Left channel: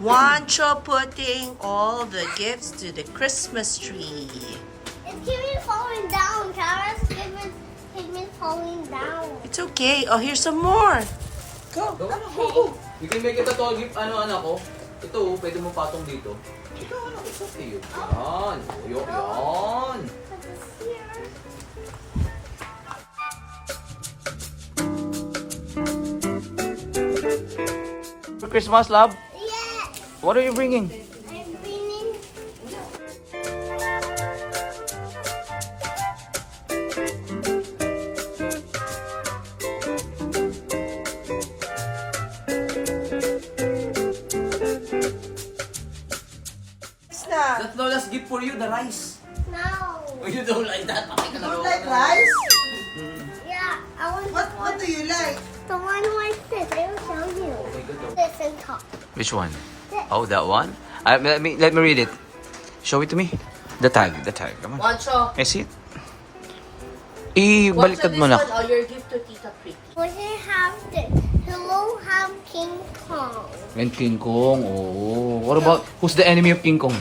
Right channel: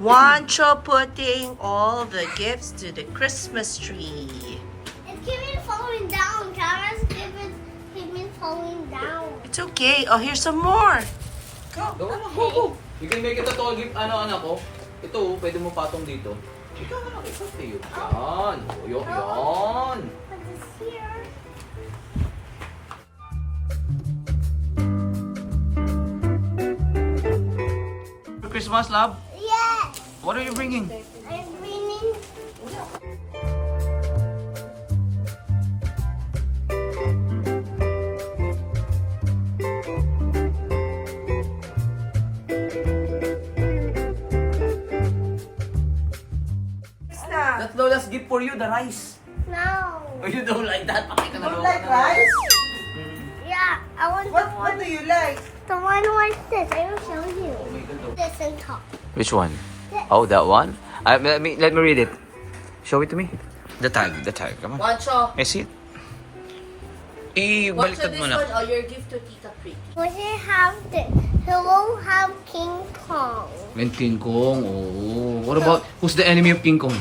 Juancho putting all the gifts to the Christmas tree. It's keeping falling down. Tara's keeping falling down. It's okay. Oh, here's some more. Go. Go. You can make it a tall gift, anak ko. Ito, pwede mo patong dito. Ito, it's okay. Yan. Yan. Put this here. For Christmas, love, Yes. what are you bringing? I'm bringing. That's Lola's gift for you, the rice. No. Oh, you don't like that? Okay ka na, Don't Lola. like rice? Yeah, I want What the one. do you like? The one like this. I will show you. Oh my God, oh. This and top. Which one? Oh, that one? Let me read it. Show it to me. The tag. Come on. Juancho, I see it. Ibaliktad mo lang. or your gift to Tita Pretty. We should have this. We will have King Kong. And King Kong. Oh. What about, who's the enemy of King Kong?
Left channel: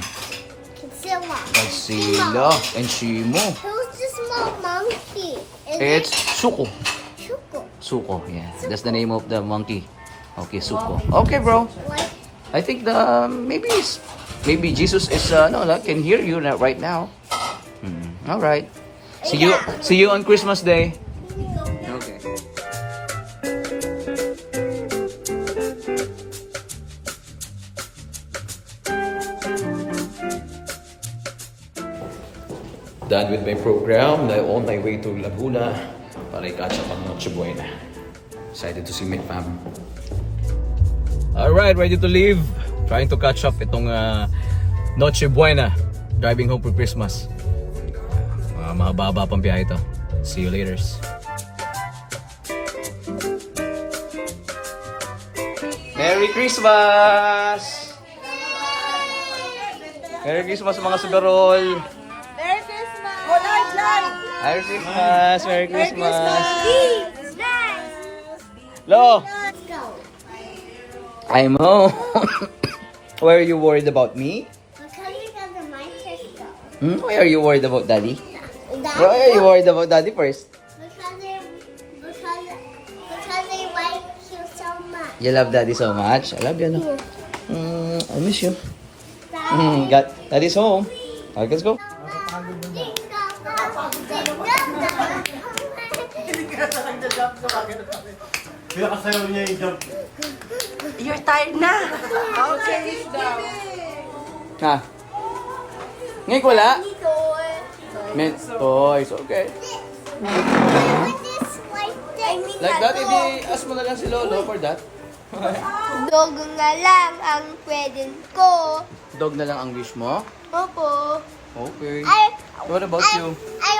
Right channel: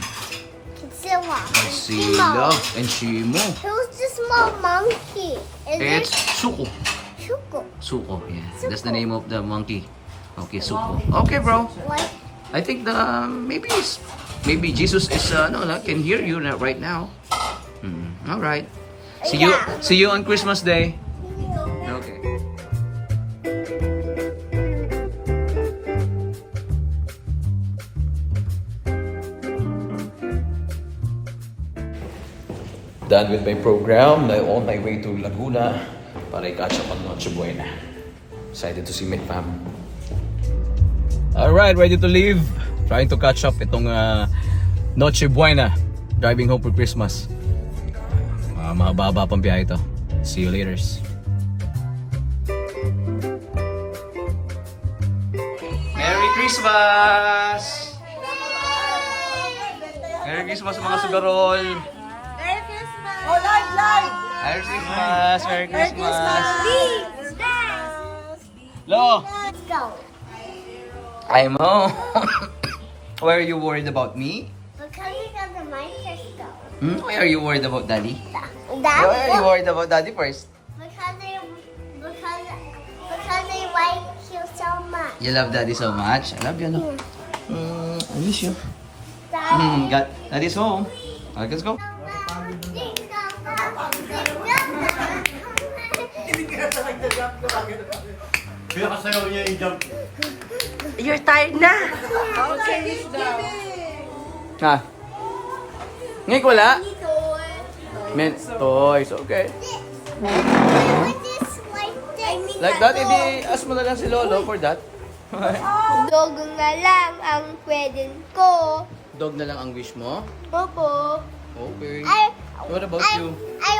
Godzilla. Godzilla. And Shimo. Who's the small monkey? Is It's it Suko. Shuko? Suko, yeah. That's the name of the monkey. Okay, Suko. Okay, bro. What? I think maybe Jesus is can hear you right now. All right. See you on Christmas Day. Okay. Done with my program. Now on my way to Laguna para i-catch up ang Noche Buena. Excited to see my fam. Alright, ready to leave. Trying to catch up itong Noche Buena. Driving home for Christmas. Mahaba pang biyahe ito. See you later. Merry Christmas! Merry Christmas mga sugarol! Oh, live! Merry Christmas! Merry Merry Christmas! Christmas! Lo! Let's go. I know. Why are you worried about me? Because we got the microscope. Why are you worried about Daddy? That Why are you worried about Daddy first? because they like you so much. You love Daddy so much. I love you. No? I miss you. Daddy. Daddy's home. Alright, let's go. Kaya kasayaw niya yung jump. You're tired na. Okay. Ha? Ngayon ko wala? Mint toys. Okay. Like that, hindi ask mo na lang si Lolo for that. Dog nga lang ang pwede ko. Dog na lang ang wish mo? Opo. Okay. I What about you?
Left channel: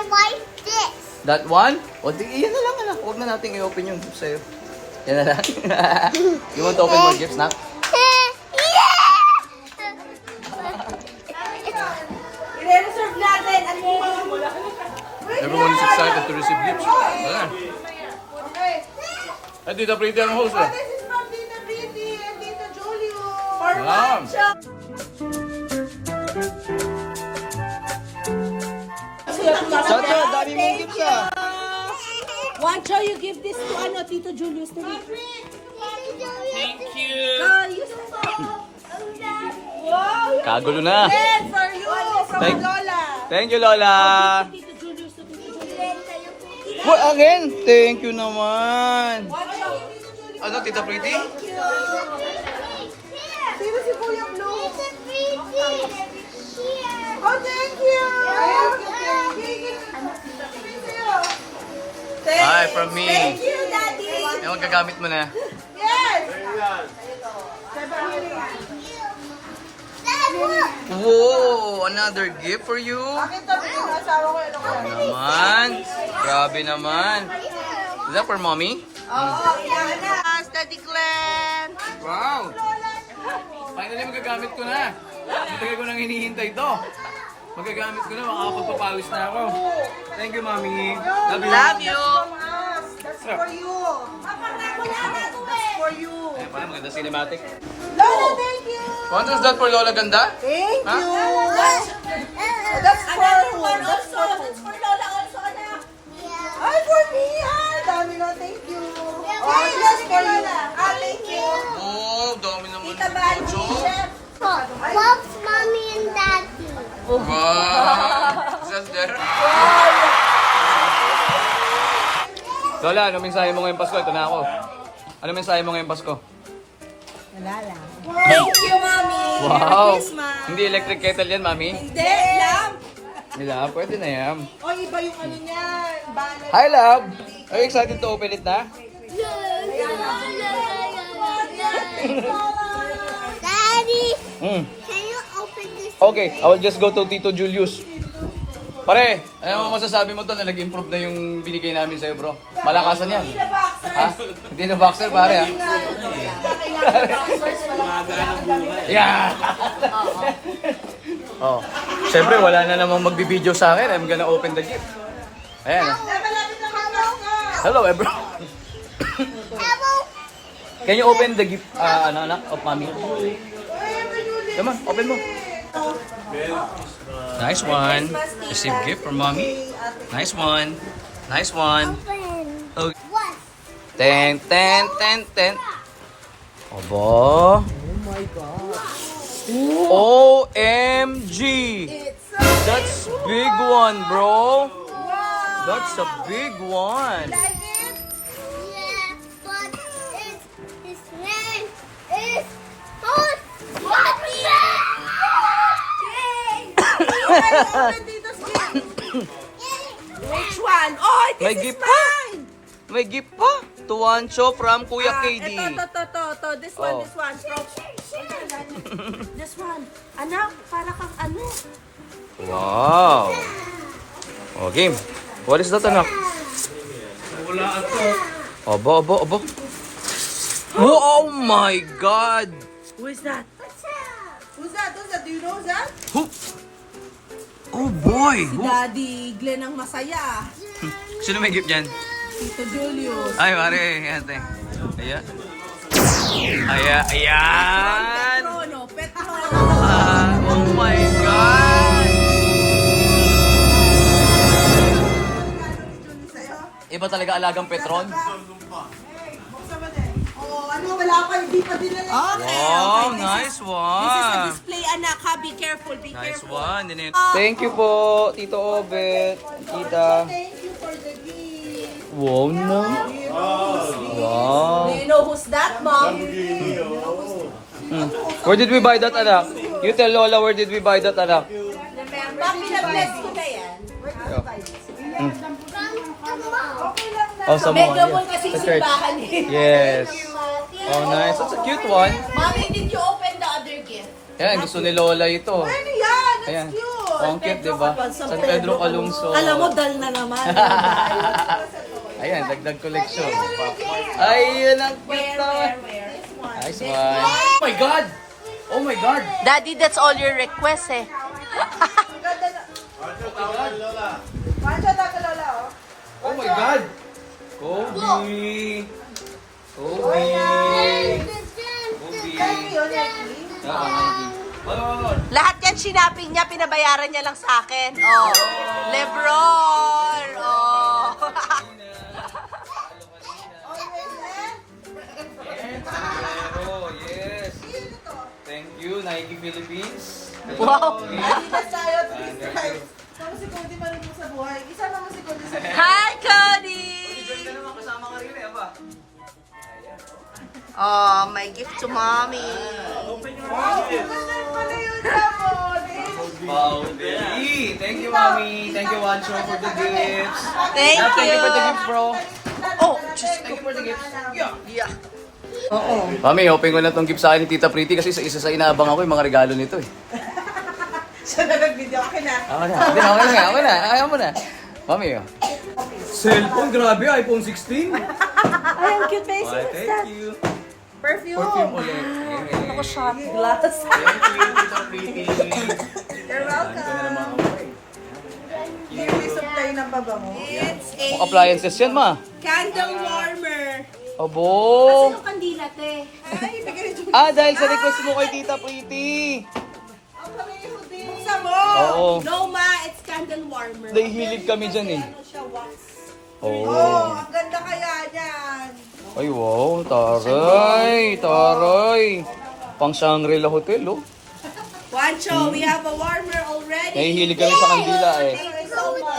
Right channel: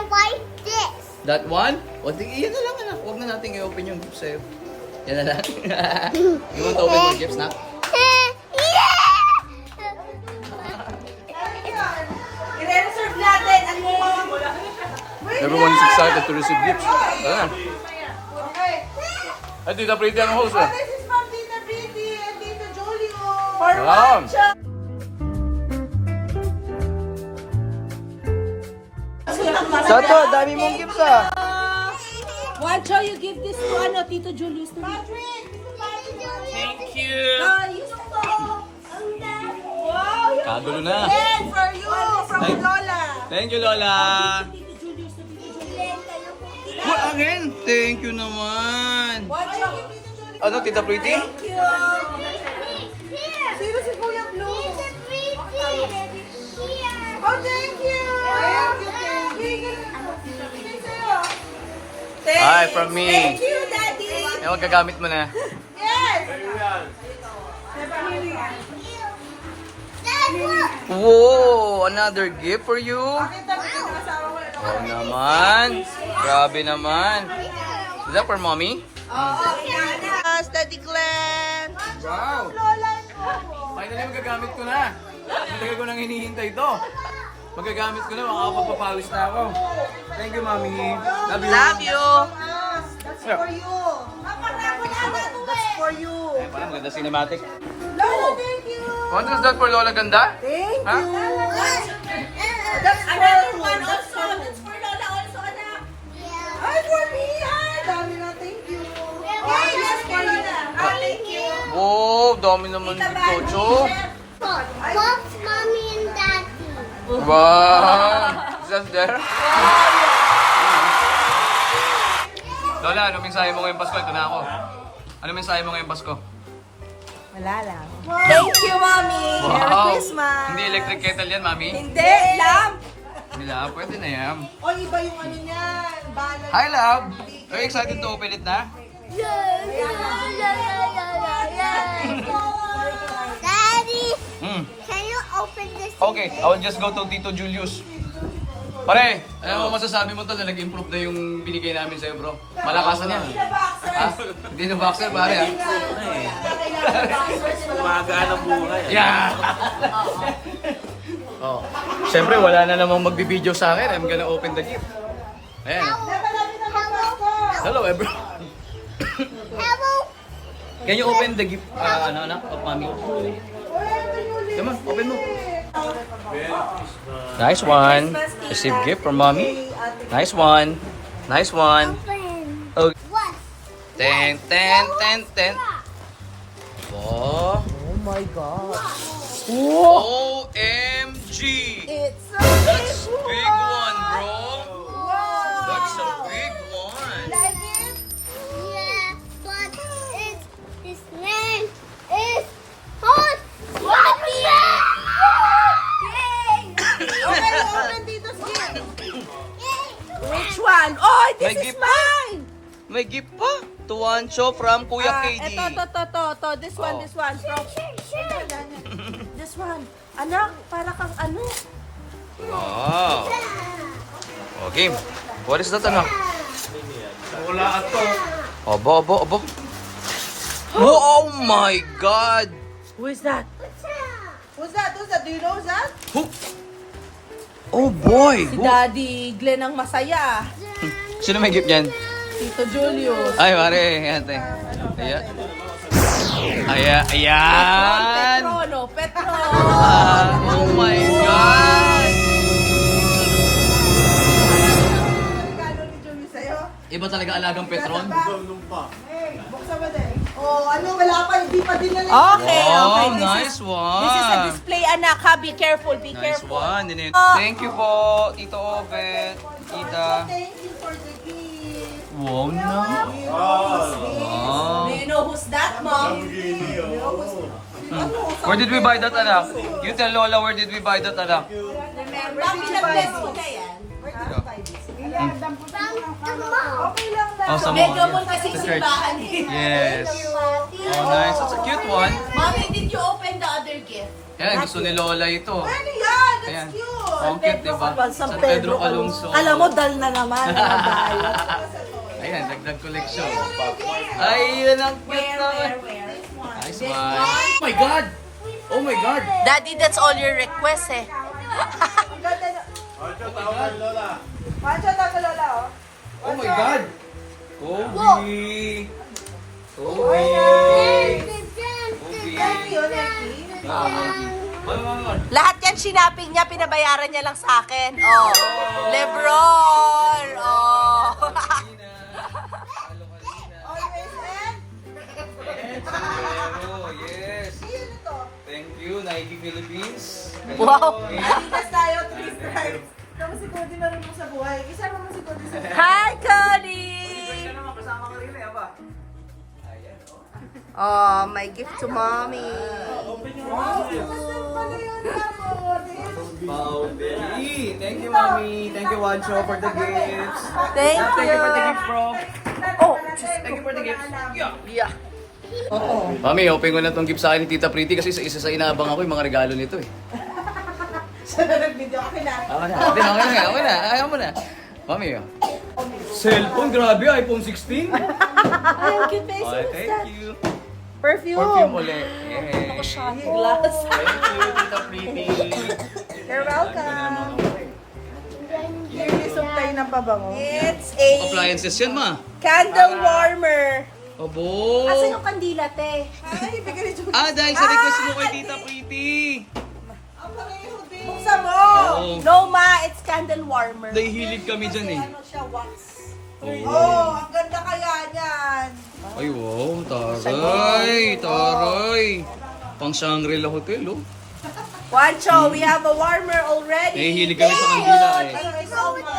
like this. That one? O, yan na lang, anak. Huwag na natin i-open yung sa'yo. Yan na lang. You want to open more gifts, nak? I-reserve natin. Ano? Everyone is excited to receive gifts. Ayan. Okay. Ay, Tita Pretty ang host. Oh, this is from Tita Pretty and Tita Julio. For Wow. Juancho. Sato, dami mong gifts ah. Juancho, you give this to Tito Julius to me. Thank you. Use the phone. Wow, Kagulo na. yan for you from Thank- Lola. Thank you, Lola. Tito Julius to Tito Julius. What again? Thank you naman. Juancho. Ano, Tita Pretty? Sino si Kuya Blue? Here. Oh, thank you. Hi, from me. Thank you, Daddy. Ay, magagamit mo na. Yes. Whoa! Another gift for you? Pakita mo yung asawa ko. Oo naman. Grabe naman. Is that for mommy? Yes, Daddy Glenn. Wow! Finally, magagamit ko na. Matagal ko nang hinihintay ito. Magagamit ko na, makakapagpapawis na ako. Thank you, mommy. Love you. Love you. That's for you. That's for you. Ayan pala, maganda cinematic. Lola, thank you. What is that for Lola Ganda? Thank Huh? you. That's Another one also. It's for Lola also, anak. Yeah. Ay, for me. Ay, dami na. Thank you. Oh, yes, for Lola. Ah, thank you. Oh, dami naman dito, Cho. What's mommy and daddy? Wow! Is that there? Lola, ano mensahe mo ngayong Pasko? Ito na ako. Ano mensahe mo ngayong Pasko? Wala lang. Thank you, Mommy. Merry Christmas. Hindi electric kettle yan, Mami. Hindi, lamp. Hindi na, pwede na yan. O, iba yung ano niyan. Balot. Hi, love! Are you excited to open it na? Daddy, Hmm. can you open this? Okay, I will just go to Tito Julius. Pare, ano mo masasabi mo to na nag-improve na yung binigay namin sa'yo, bro? Malakasan yan. Ha? Hindi na boxer, pare. Ha? Umagaan ang buhay. Yeah! Oh, syempre wala na namang magbibideo sa akin. I'm gonna open the gift. Ayan. Hello, everyone. Hello. Can you open the gift, anak of mommy? Come on, open mo. Nice one. Receive gift from mommy. Nice one. Nice one. Open. Okay. What? Ten, ten, ten, ten. Obo. Oh my God. OMG. It's That's big one, bro. That's a big one. Yeah, but his name is Hot Which one? Oh, this May is gift pa? mine. May gift pa. Tuwancho from Kuya KD. Ito. This one, Oh. this one. This one. Anak, para kang ano? Wow. Okay. What is that, anak? Wala ato. Aba. Oh my God. Who is that? Who's that? Do you know that? Who? Oh boy. Si Who? Daddy Glenn ang masaya. Sino may gift yan? Tito Julius. Ay, pare. Ate. Ayan. Ayan. Petro. Oh my God. Iba talaga alagang Petron. Oh, ano, wala pa, hindi pa din na. Okay, Wow, okay. nice This is a one. display, anak, ha? Be careful, be Nice careful. one. Thank you po, Tito Obet, Tita. Thank you for the gift. Wow, no. Do you know who's that, Mom? Where did we buy that, anak? You tell Lola, where did we buy that, anak? Mami, na-bless ko na yan. From the mall. Oh, sa Mega mall. mall kasi Sa church. simbahan eh. Yes. Oh, nice. That's a cute one. Mommy, did you open the other gift? Yan, gusto ni Lola ito. Ano yan? That's Ayan. cute. Ang cute, diba? San Pedro Calungsod. Alam mo, dal na naman. dal. Ayan, dagdag collection. Ayun ang cute naman. Nice one. Oh my God! Oh my God! Daddy, that's all your request eh. Oh my God! Kobe! Kobe! Lahat yan sinaping niya, pinabayaran niya lang sa akin. Oh, Lebron! Oh. Yes! Thank you, Nike Philippines. Wow. Hi, Cody! Kasama ka rin eh, aba. Oh, my gift to mommy. Wow, Daddy. Thank you, Mommy. Thank you, Wancho, for the gifts. Thank Thank you for the you. gifts, bro. Oh, Thank you for the gifts. yeah. Mami, open ko na tong gift sa akin ni Tita Pretty kasi isa sa inaabang ako yung mga regalo nito eh. Siya na nag-video. Okay na. Okay na. Hindi, okay na. Ayaw mo na. Mami, oh. Cellphone, grabe, iPhone 16. Thank you, Face. Okay, thank you. Perfume. Perfume ulit. Yay. Shot glass. Thank you, Tita Pretty. You're Sabi ko na naman ako eh. It's a Appliances yan, ma. candle warmer. Abo! Kasi yung kandila, te. Dahil sa request mo kay Tita Pretty. Buksan mo! Oo. No, ma, it's candle warmer. Nahihilig kami dyan eh. Ano siya, wax. Oo. Ang ganda kaya niyan. Ay, wow. Taray. Taray. Pang Shangri-La Hotel, oh. Juancho, we have a warmer already. Nahihilig kami sa kandila eh. Thank you so much.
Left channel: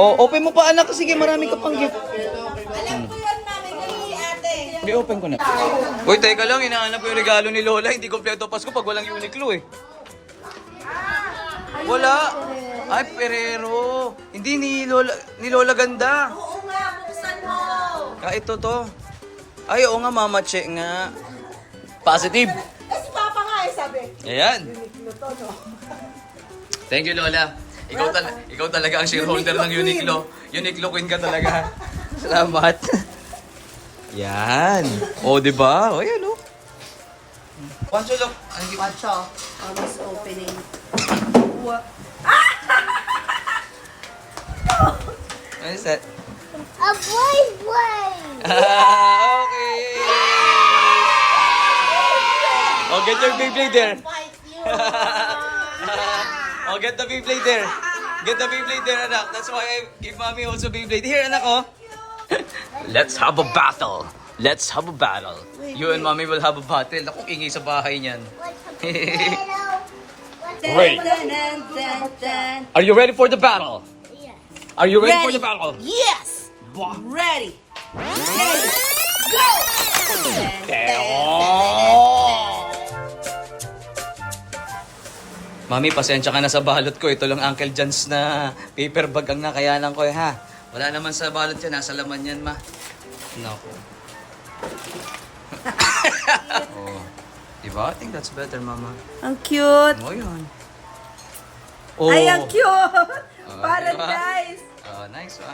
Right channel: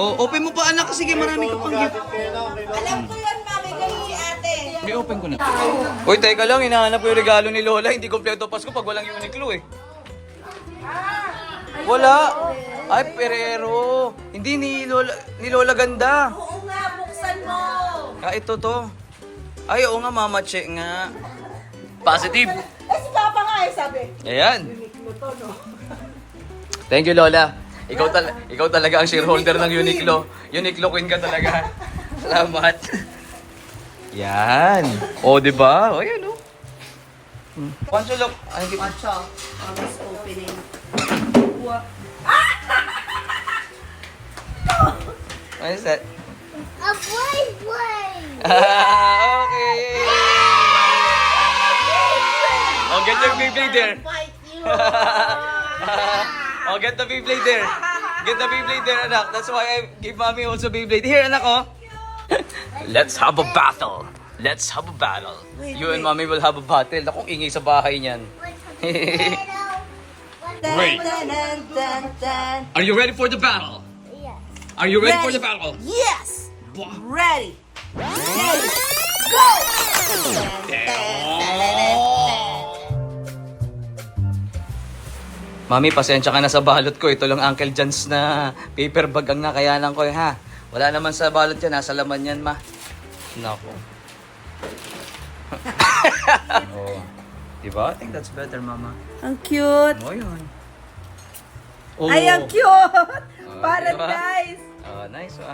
Oh, open mo pa anak. Sige, marami ka pang gift. Alam ko yan, ma. May ganun si ate. I-open ko na. Uy, teka lang. Hinahanap ko yung regalo ni Lola. Hindi kompleto Pasko pag walang Uniqlo eh. Wala. Ay, Perero. Hindi ni Lola ganda. Oo nga, buksan mo. Ito to. Ay, oo nga, Mama Che nga. Positive. Eh, si Papa nga eh, sabi. Ayan. Thank you, Lola. Ikaw talaga ang shareholder ng Uniqlo. Uniqlo queen ka talaga. Salamat. Yan. O, di ba? O, yan, o. Pancho, look. Juancho, always opening. What? What is that? A boy. Okay. Oh, get your Beyblade there. Oh, get the Beyblade there. Get the Beyblade there, anak. That's why I give mommy also Beyblade. Here, anak, oh. Let's have a battle. Let's have a battle. You and mommy will have a battle. Naku, ingay sa bahay niyan. Wait. Dun, dun, dun, dun. Are you ready for the battle? Yes. Are you ready for the battle? Yes! Wah. Ready! Ready! Mami, pasensya ka na sa balot ko. Ito lang Uncle John's na paper bag ang nakayanan ko, ha? Wala naman sa balot yan. Nasa laman yan, ma. Nako. Oh. Diba? I think that's better, mama. Ang cute! Oh, yun. Ay, ang cute! Oh, Paradise! Oh, nice. So,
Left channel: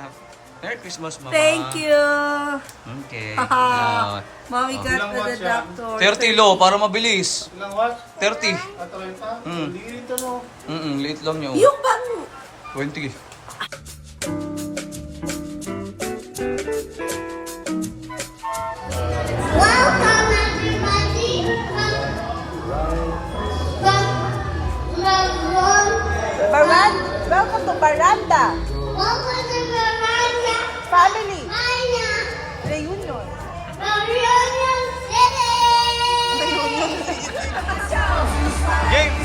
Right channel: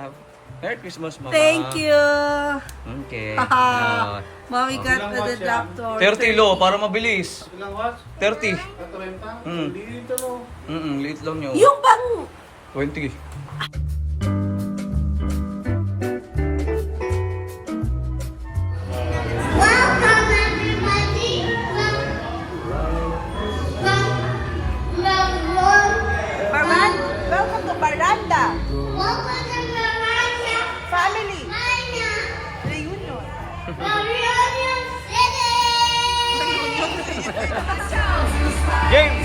Merry Christmas, mama. Thank you! Okay. Haha. Oh. Mommy got the doctor. 30 lo, para mabilis. Ilang watch? 30. At 30? Mm. Hindi rin ito, no? Liit lang niyo. Yung bang... 20. Welcome everybody. Welcome to Baranda. Welcome to Veranda. Family. China. Reunion. Reunion City. Game!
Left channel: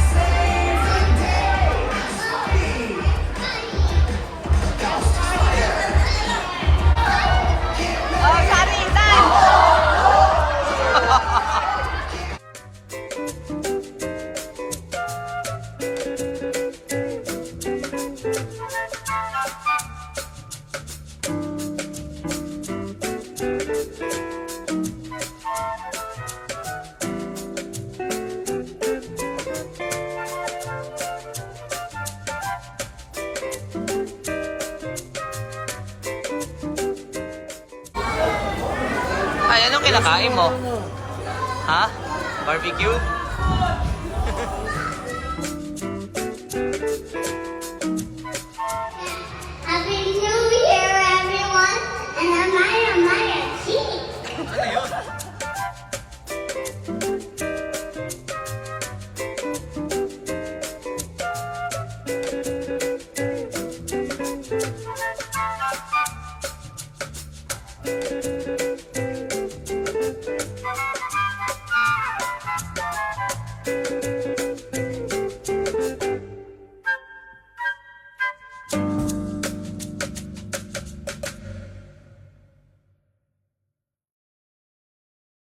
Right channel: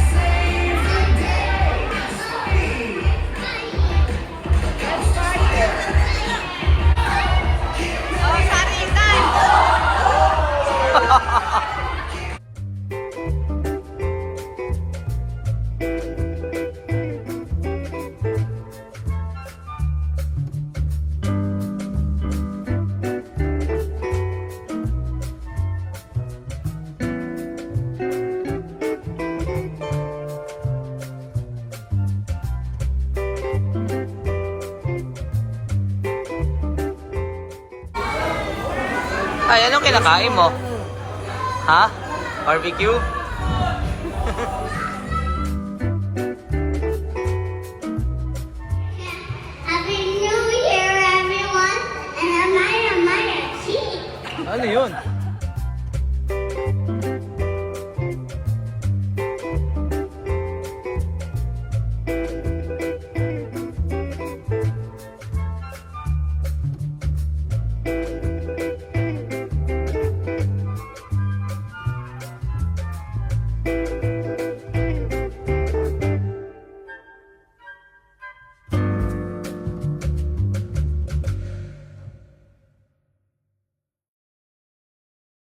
Ay, anong kinakain mo? Ha? Barbecue?